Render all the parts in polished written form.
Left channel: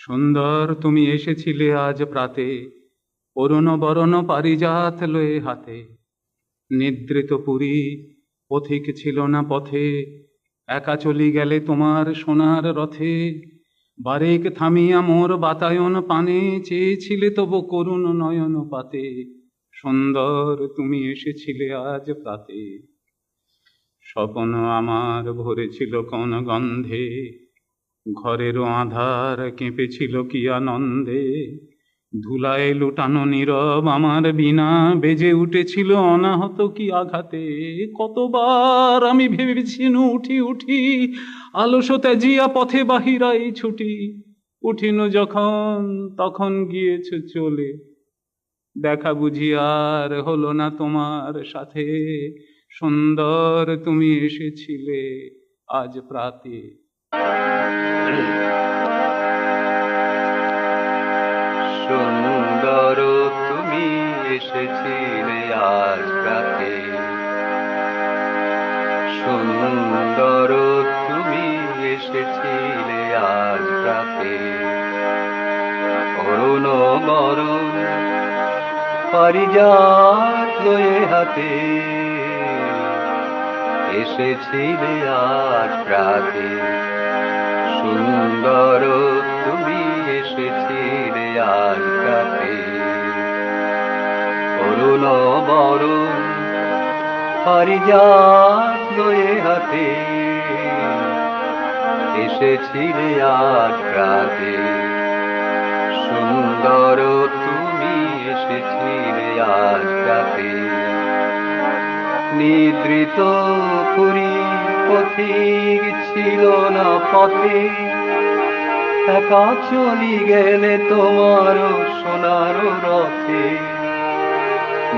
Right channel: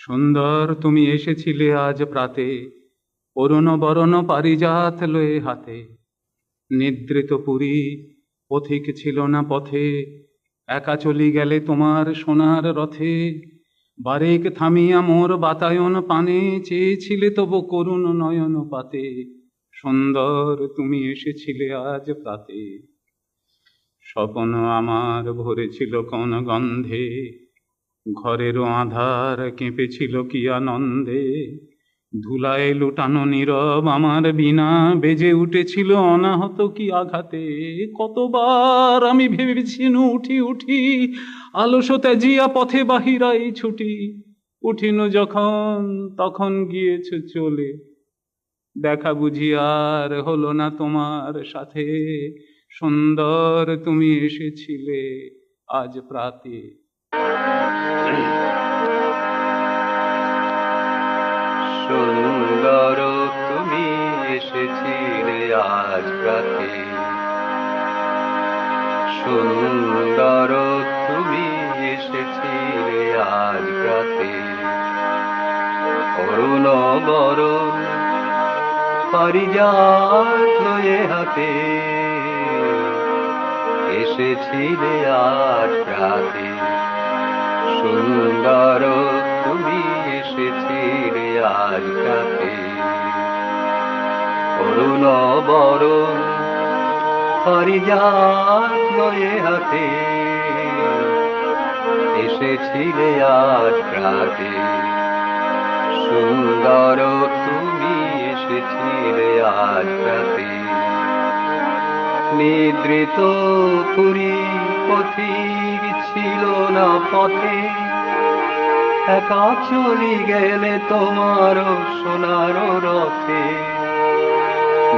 সুন্দর তুমি এসেছিলে আজ প্রাতে, অরুণ বরণ পারিজাত লয়ে হাতে। নিদ্রিত পুরী পথিক ছিল না পথে, একা চলি গেলে তোমার সোনার রথে। বারেক থামিয়া মোর বাতায়ন পানে, চেয়েছিলে তবু করুণ নয়ন পাতে। সুন্দর তুমি এসেছিলে আজ প্রাতে। স্বপ্ন আমার ভরেছিল কোন গন্ধে, ঘরেরও আধার কেঁপেছিল কি আনন্দে। ধুলায় লুটানো নীরব আমার বিনা, বেজে উঠেছিল অনাহত কি আঘাতে। কতবার আমি ভেবেছি উঠি উঠি, আলস ত্যাজিয়া পথে বাহিরাই ছুটি। উঠিন যখন তখন গিয়েছ চলে, দেখা বুঝি আর হলো না তোমার সাথে। সুন্দর তুমি এসেছিলে আজ প্রাতে। সুন্দর তুমি এসেছিলে আজ প্রাতে, সুন্দর তুমি এসেছিলে আজ প্রাতে। অরুণ বরণ পারিজাত লয়ে হাতে, এসেছিলে আজ প্রাতে। সুন্দর তুমি এসেছিলে আজ প্রাতে। অরুণ বরণ পারিজাত লয়ে হাতে, এসেছিলে আজ প্রাতে। সুন্দর তুমি এসেছিলে আজ প্রাতে। নিদ্রিত পুরী পথিক ছিল না পথে, একা চলি গেলে তোমার সোনার রথে।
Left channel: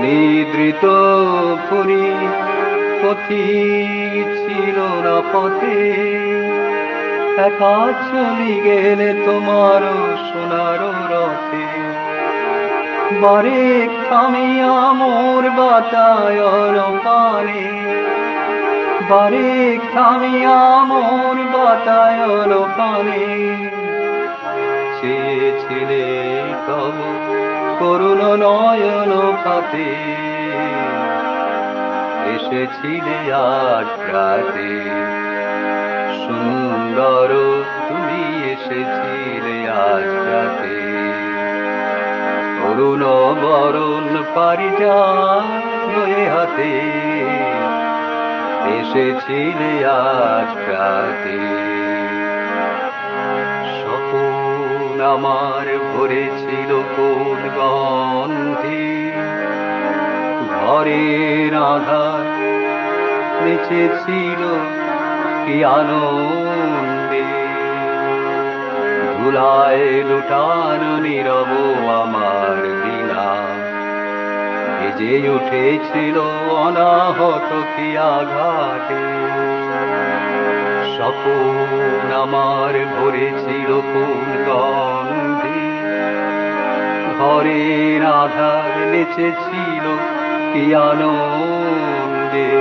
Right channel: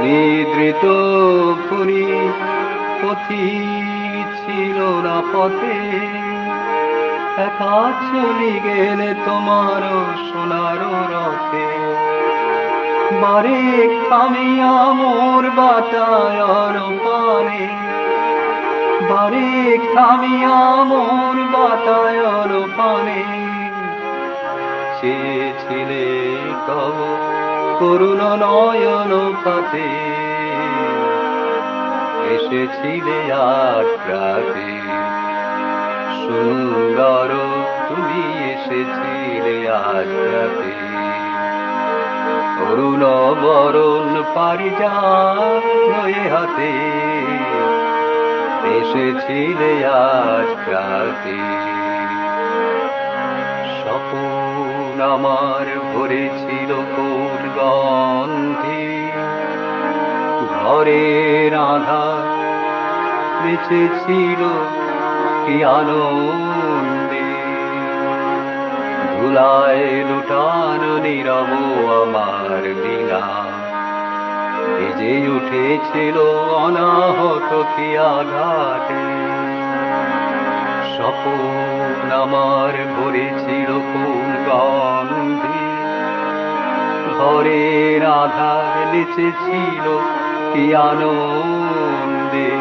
নিদ্রিত পুরী পথিক ছিল না পথে, একা চলি গেলে তোমার সোনার রথে। বারেক থামিয়া মোর বাতায়ন পানে, বারেক থামিয়া মোর বাতায়ন পানে। চেয়েছিলে তব করুণ নয়ন পাতে, এসেছিলে আজ প্রাতে। সুন্দর তুমি এসেছিলে আজ প্রাতে। অরুণ বরণ পারিজাত লয়ে হাতে, এসেছিলে আজ প্রাতে। স্বপন আমার ভরেছিল কোন গন্ধে, ঘরের আধার নেচেছিল কি আনন্দে। ধুলায় লুটানো নীরব আমার বিনা, বেজে উঠেছিল অনাহত কি আঘাতে। স্বপন আমার ভরেছিল কোন গন্ধে, ঘরের আধার নেচেছিল কি আনন্দে।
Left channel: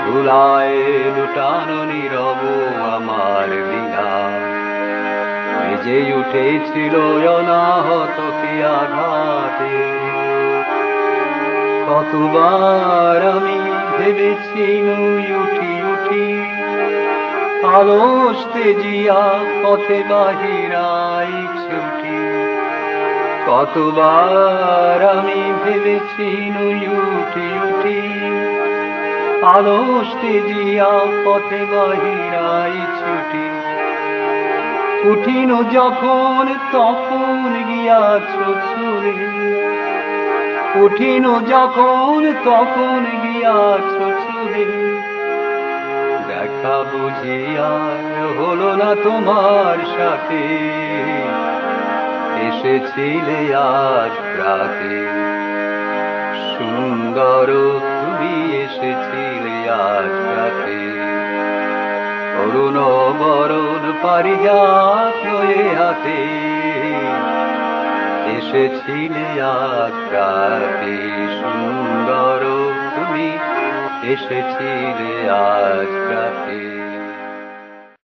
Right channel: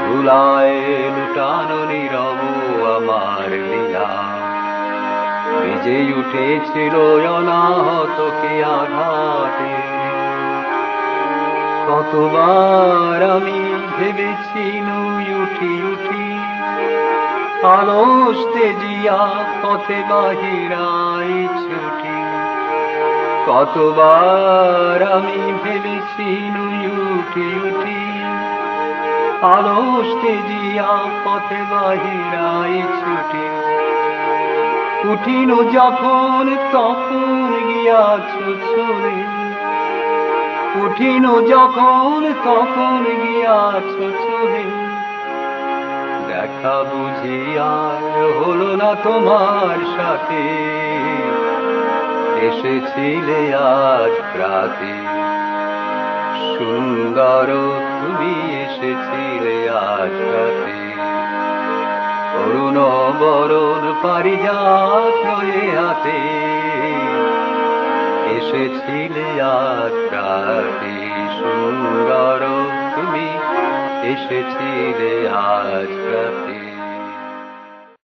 ধুলায় লুটানো নীরব আমার বিনা, বেজে উঠেছিল অনাহত কি আঘাতে। কতবার আমি ভেবেছি উঠি উঠি, আলস তেজিয়া পথে বাহিরাই ছুটি। কতবার আমি ভেবেছি উঠি উঠি, আলস তেজিয়া পথে বাহিরাই ছুটি। উঠিনু যখন তখন গিয়াছ চলে, উঠিনু যখন তখন গিয়াছ চলে। দেখা বুঝি আর হলো না তোমার সাথে, এসেছিলে আজ প্রাতে। সুন্দর তুমি এসেছিলে আজ প্রাতে। অরুণ বরণ পারিজাত লয়ে হাতে, এসেছিলে আজ প্রাতে। সুন্দর তুমি এসেছিলে আজ প্রাতে।